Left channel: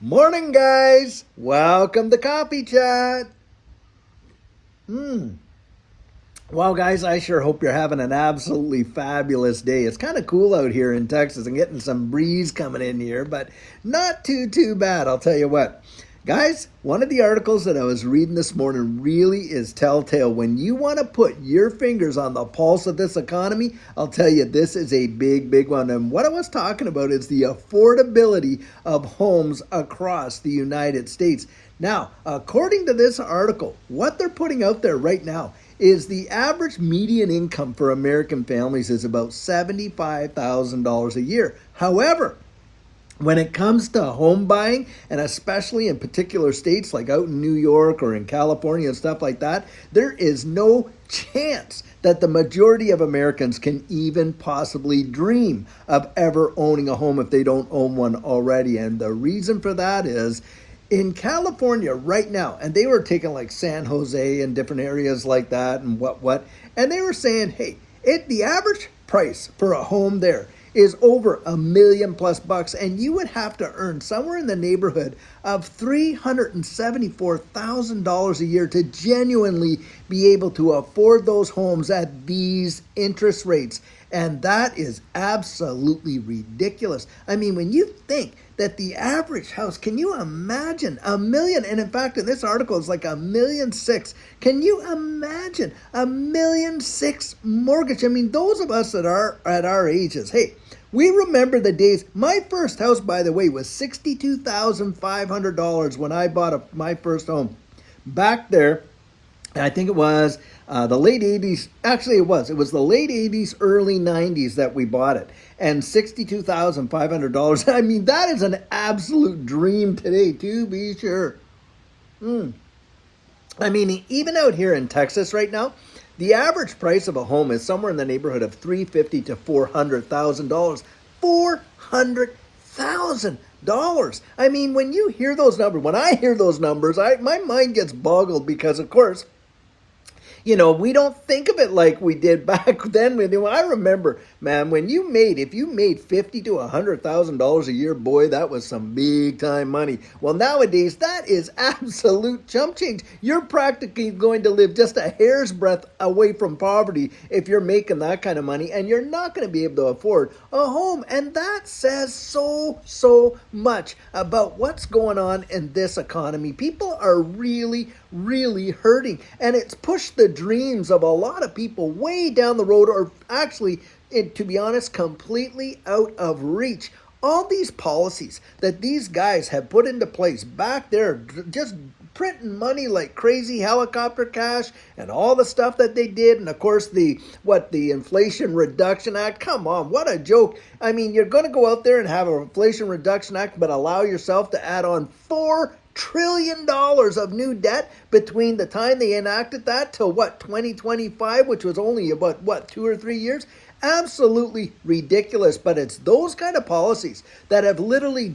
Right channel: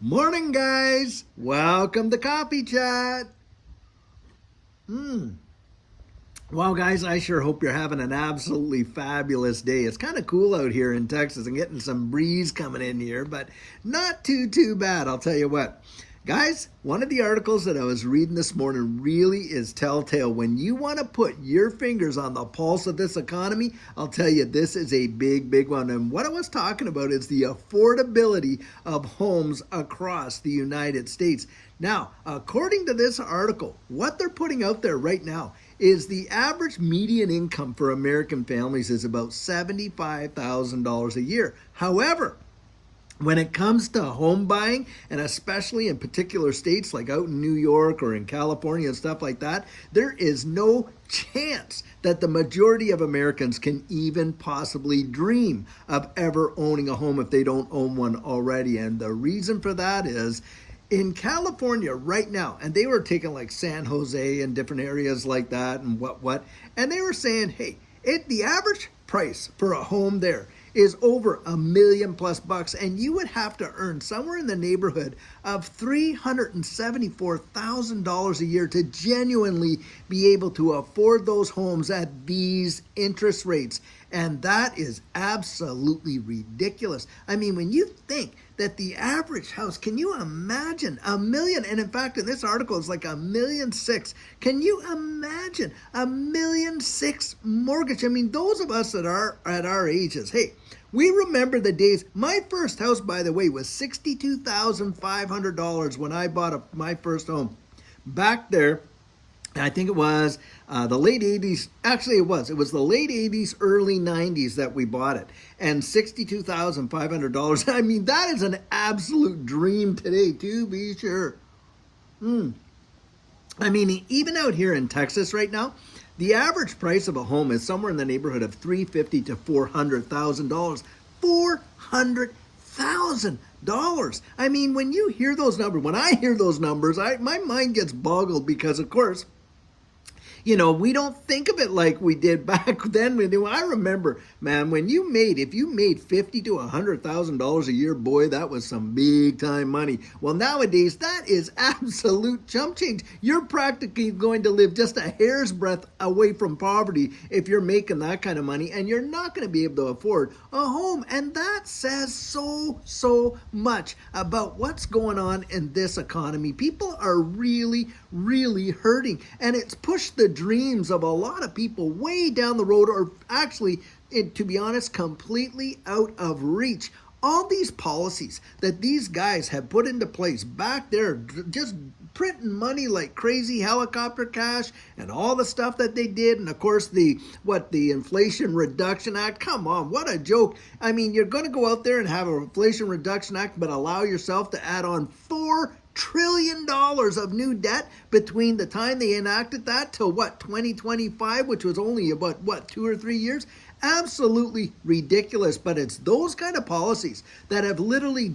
Morning, guys. Welcome to Coffee Chat. Well, guys, I sure hope you're having an absolutely fabulous day. It's kind of cool out here in Texas and getting some breeze coming in here, but not too bad, I'll tell you what. Guys, one of the articles that I was reading this morning really is telltale. When you want to put your fingers on the pulse of this economy, I'll tell you this is a big one. And what I was talking about is the affordability of homes across the United States. Now, according to this article, what they're putting out there right now is the average median income for American families is about $75,000 a year. However, when it comes to home buying, and especially in particular states like out in New York or in California and stuff like that, there is no chance that the majority of Americans can even possibly dream of ever owning a home if they don't own one already. And the reason for that is in California right now, and they were taking like San Jose and different areas like that and what, and they were saying, hey, the average price for a home there is over $1 million+ and you would have to earn somewhere in the neighborhood of $374,000 a year to genuinely be able to afford those homes at these interest rates. And that is absolutely ridiculous. I mean, when you think that the average house, can you imagine $1 million? And in fact, in this article, it's like $1.6 million. Can you imagine $1.6 million mortgage? I mean, those of us that are at our ages, hey, we remember the days. My first house, by the way, was $62,500 when I bought my first home. Back there, I think it was the late 80s. Actually, it was the late 80s, early 90s that we bought it. And $62,500. I mean, that is an absolute dream today, to be sure. I mean, even out here in Texas right now, the average price of a home is somewhere in the neighborhood of $350,000 to $400,000. $400,000. I mean, when you hear those numbers, when I hear those numbers, my mind gets boggled because, of course, we don't think of it like we did back then. I remember, man, if you made $50,000 to $100,000 a year, boy, that was some big time money. Well, nowadays, that is absolute chump change. You're practically going to live just a hair's breadth away from poverty if you're making that kind of money, and you're not going to be able to afford a home. And that says so much about what's going on in this economy. People are really hurting, and it's pushed the dreams of a lot of people way down the road, or actually, to be honest, completely out of reach. All these policies that these guys have put into place back there, just printing money like crazy, helicopter cash, and all the stuff that they did, and of course the Inflation Reduction Act. Come on, what a joke. I mean, you're going to go out there and have an Inflation Reduction Act, but allow yourself to add on $4 trillion of new debt between the time they enacted that till 2025, which was only about 2 or 3 years. Absolutely ridiculous. But it's those kind of policies that have literally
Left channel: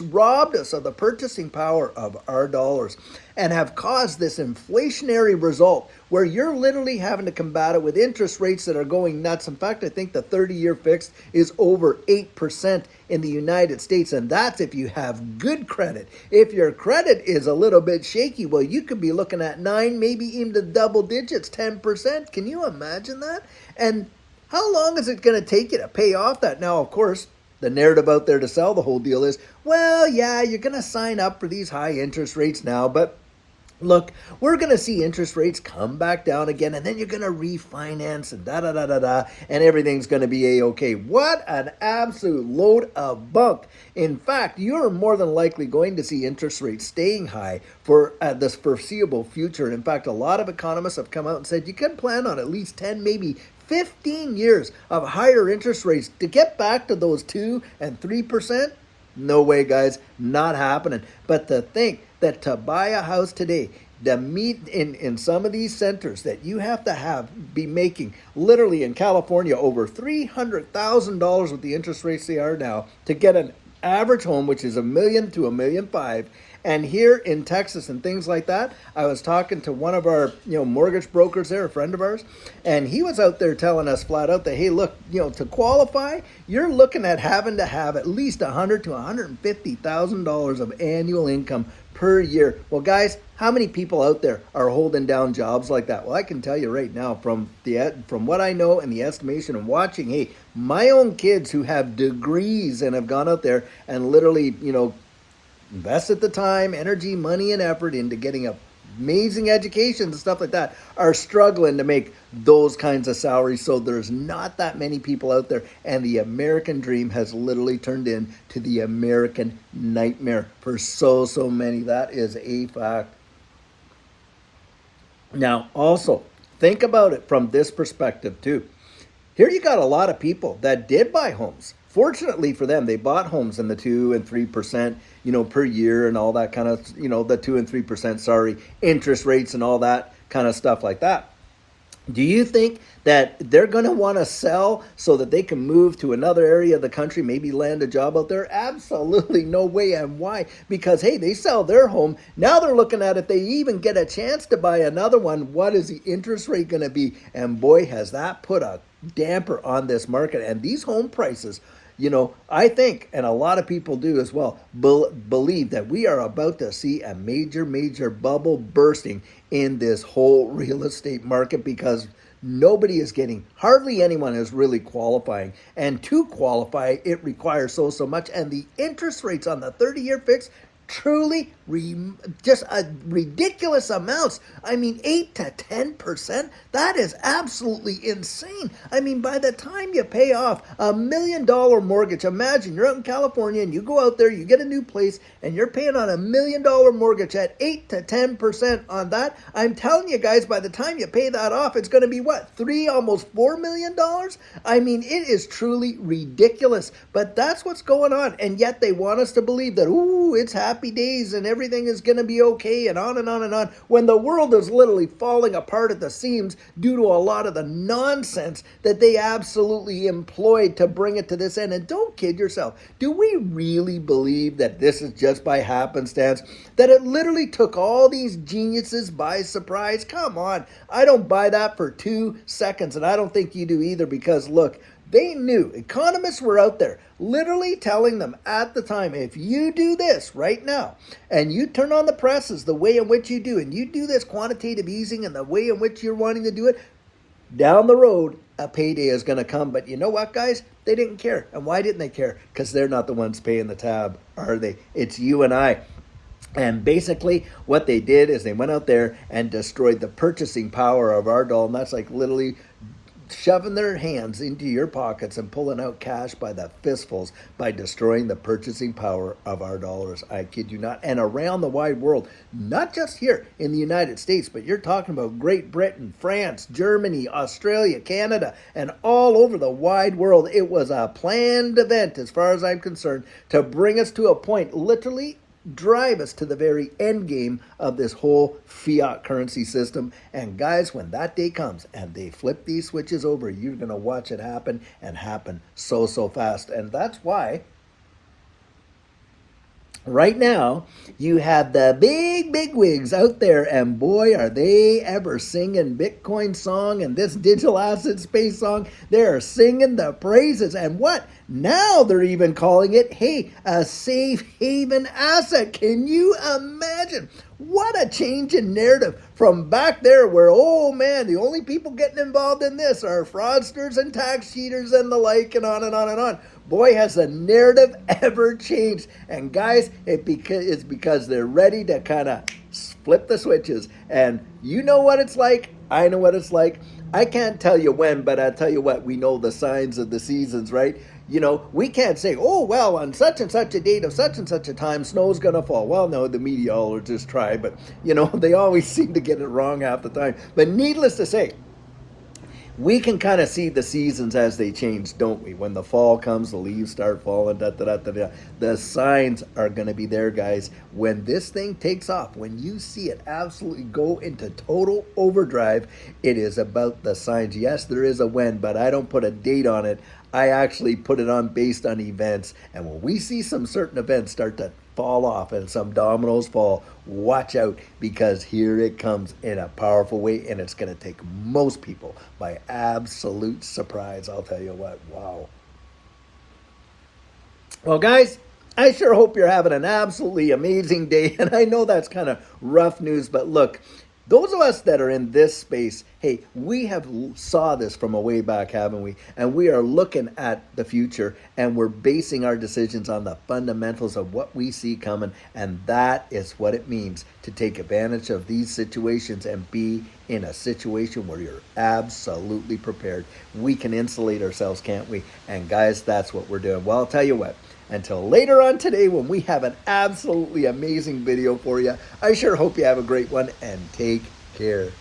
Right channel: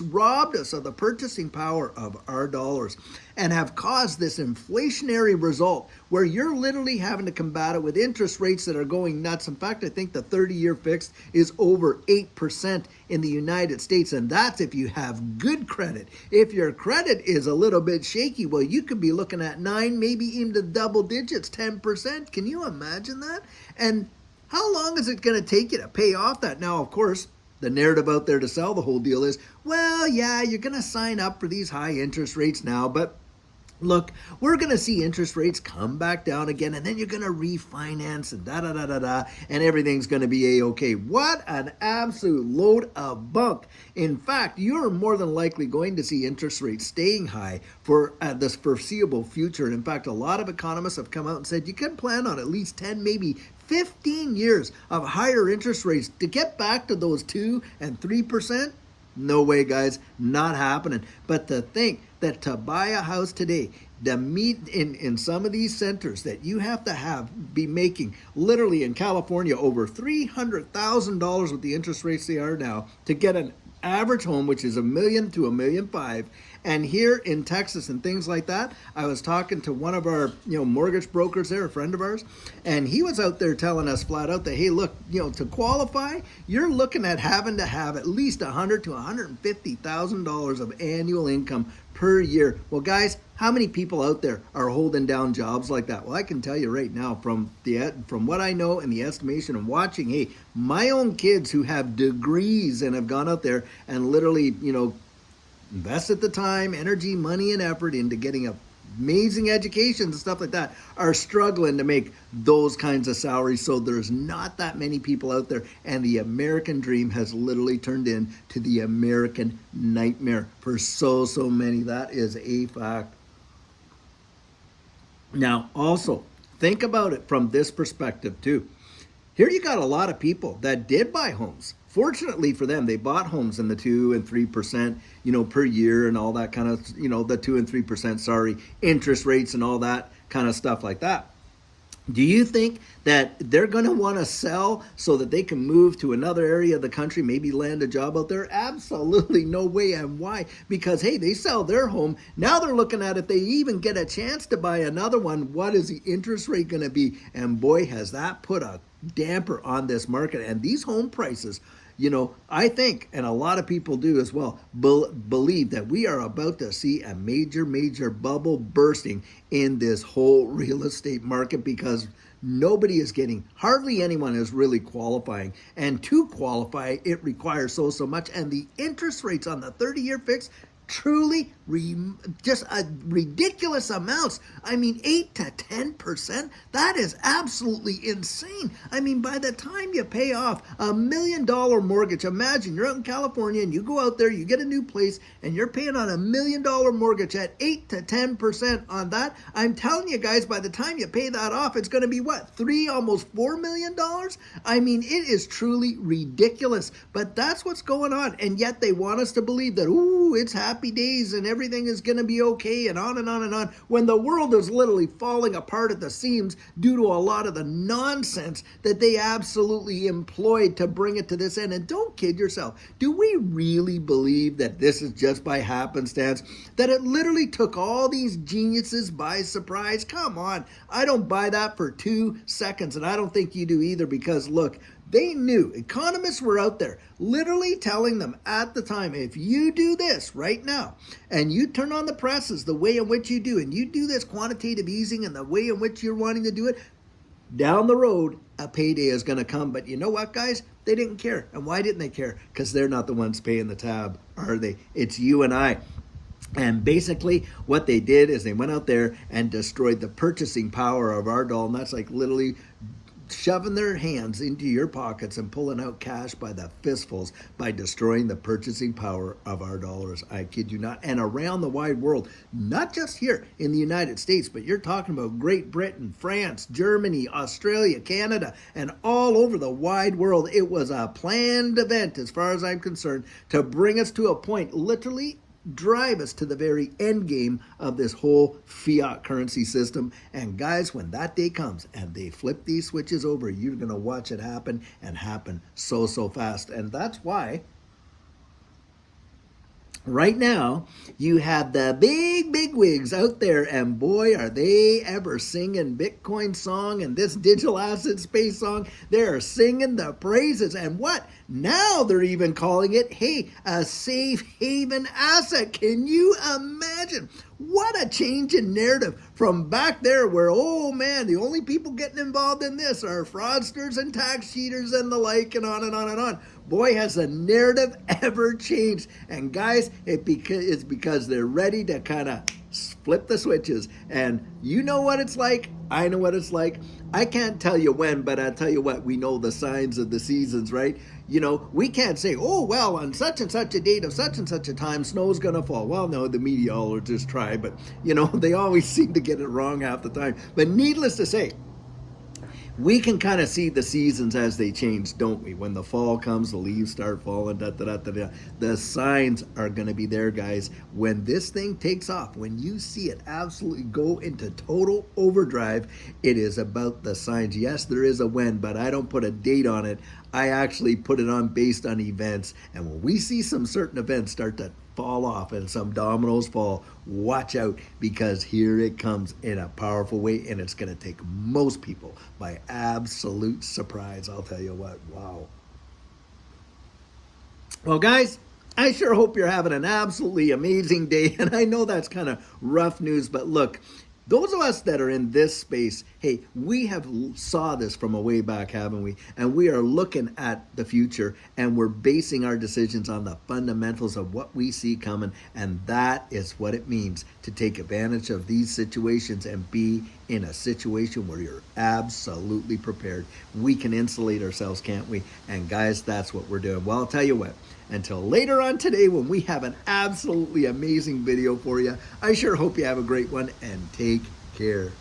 robbed us of the purchasing power of our dollars, and have caused this inflationary result where you're literally having to combat it with interest rates that are going nuts. In fact, I think the 30-year fixed is over 8% in the United States, and that's if you have good credit. If your credit is a little bit shaky, well, you could be looking at 9, maybe even the double digits, 10%. Can you imagine that? And how long is it going to take you to pay off that? Now, of course, the narrative out there to sell the whole deal is, well, yeah, you're going to sign up for these high interest rates now, but look, we're going to see interest rates come back down again, and then you're going to refinance and and everything's going to be A-okay. What an absolute load of bunk. In fact, you're more than likely going to see interest rates staying high for this foreseeable future. And in fact, a lot of economists have come out and said you can plan on at least 10, maybe 15 years of higher interest rates to get back to those 2 and 3%. No way, guys, not happening. But to think that to buy a house today, the meet in some of these centers that you have to be making literally in California over $300,000 with the interest rates they are now to get an average home, which is $1 million to $1.5 million, And here in Texas and things like that, I was talking to one of our, mortgage brokers there, a friend of ours, and he was out there telling us flat out that, hey, look, to qualify, you're looking at having to have at least $100,000 to $150,000 of annual income per year. Well, guys, how many people out there are holding down jobs like that? Well, I can tell you right now from what I know and the estimation of watching, hey, my own kids who have degrees and have gone out there and literally, invested the time, energy, money, and effort into getting amazing educations and stuff like that are struggling to make those kinds of salaries. So there's not that many people out there, and the American dream has literally turned into the American nightmare for so many. That is a fact. Now, also, think about it from this perspective too. Here you got a lot of people that did buy homes. Fortunately for them, they bought homes in the 2 and 3%, per year and all that kind of, the 2 and 3%, interest rates and all that kind of stuff like that. Do you think that they're going to want to sell so that they can move to another area of the country, maybe land a job out there? Absolutely no way. And why? Because, hey, they sell their home. Now they're looking at if they even get a chance to buy another one, what is the interest rate going to be? And boy, has that put a damper on this market. And these home prices, I think, and a lot of people do as well, believe that we are about to see a major bubble bursting in this whole real estate market, because nobody is hardly anyone is really qualifying. And to qualify, it requires so much. And the interest rates on the 30-year fix, truly just a ridiculous amounts. I mean, 8 to 10%. That is absolutely insane. I mean, by the time you pay off $1 million mortgage, imagine you're out in California and you go out there, you get a new place, and you're paying on $1 million mortgage at 8 to 10% on that. I'm telling you guys, by the time you pay that off, it's going to be what, almost $4 million? I mean, it is truly ridiculous. But that's what's going on, and yet they want us to believe that, ooh, it's happy days and everything is going to be okay, and on and on and on, when the world is literally falling apart at the seams due to a lot of the nonsense that they absolutely employed to bring it to this end. And don't kid yourself. Do we really believe that this is just by happenstance? That it literally took all these geniuses by surprise? Come on. I don't buy that for 2 seconds, and I don't think you do either, because look, they knew. Economists were out there literally telling them at the time, if you do this right now, and you turn on the presses the way in which you do, and you do this quantitative easing and the way in which you're wanting to do it, down the road, a payday is going to come. But you know what, guys? They didn't care. And why didn't they care? Because they're not the ones paying the tab, are they? It's you and I. And basically what they did is they went out there and destroyed the purchasing power of our dollar. And that's like literally shoving their hands into your pockets and pulling out cash by the fistfuls by destroying the purchasing power of our dollars. I kid you not. And around the wide world, not just here in the United States, but you're talking about Great Britain, France, Germany, Australia, Canada, and all over the wide world. It was a planned event, as far as I'm concerned, to bring us to a point, literally drive us to the very end game of this whole fiat currency system. And guys, when that day comes and they flip these switches over, you're going to watch it happen, and happen so fast. And that's why right now you have the big wigs out there, and boy, are they ever singing Bitcoin song and this digital asset space song. They're singing the praises. And what? Now they're even calling it, hey, a safe haven asset. Can you imagine? What a change in narrative from back there where, oh man, the only people getting involved in this are fraudsters and tax cheaters and the like, and on and on and on. Boy, has the narrative ever changed. And guys, it's because they're ready to kind of flip the switches. And you know what it's like. I know what it's like. I can't tell you when, but I'll tell you what, we know the signs of the seasons, right? We can't say, oh, well, on such and such a date of such and such a time, snow's going to fall. Well, no, the meteorologists try, but, they always seem to get it wrong half the time. But needless to say, we can kind of see the seasons as they change, don't we? When the fall comes, the leaves start falling, the signs are going to be there, guys. When this thing takes off, when you see it absolutely go into total overdrive, it is about the signs. Yes, there is a when, but I don't put a date on it. I actually put it on based on events. And when we see some certain events start to fall off and some dominoes fall, watch out, because here it comes in a powerful way, and it's going to take most people by absolute surprise. I'll tell you what. Wow. Well, guys, I sure hope you're having an absolutely amazing day. And I know that's kind of rough news, but look, those of us that are in this space, hey, we have saw this from a way back, haven't we? And we are looking at the future, and we're basing our decisions on the fundamentals of what we see coming. And that is what it means to take advantage of these situations and be in a situation where you're absolutely prepared. We can insulate ourselves, can't we? And guys, that's what we're doing. Well, I'll tell you what. Until later on today, when we have an absolutely amazing video for you, I sure hope you have a great one, and take care.